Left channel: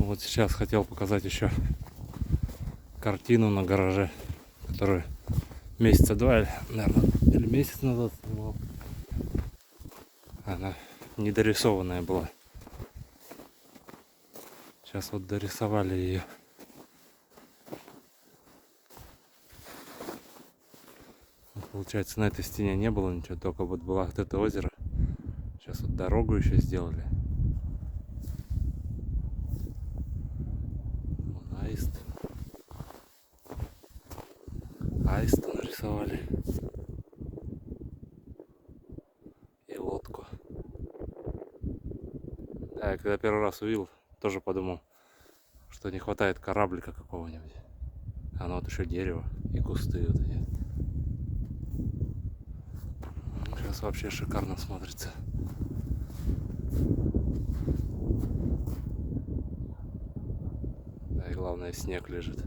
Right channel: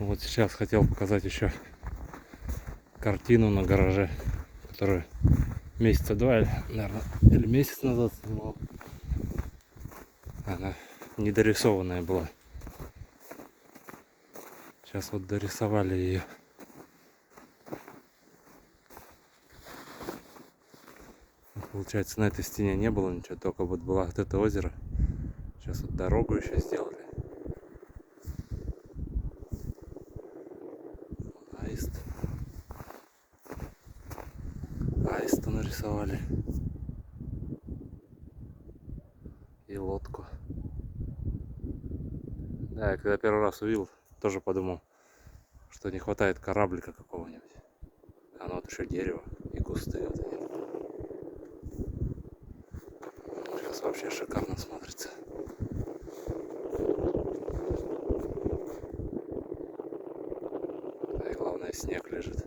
Вот сейчас хотел показать еще картину на гараже, которую месяца два, наверное, или месяц назад снимал. Она недорисованная была. Сейчас вот дорисовали ее. Получается, на этой стене не было ничего, только вот было вот это озеро. Сейчас вот дорогу еще сделали. Вон аист. Аиста нарисовали. И лодку. Да, я когда первый раз увидел, тоже подумал, что не хватает кораблика какого-нибудь. А ну вот еще дерево и кусты вот эти. Сейчас вообще шикарно смотрится. Да и главное, снег лежит.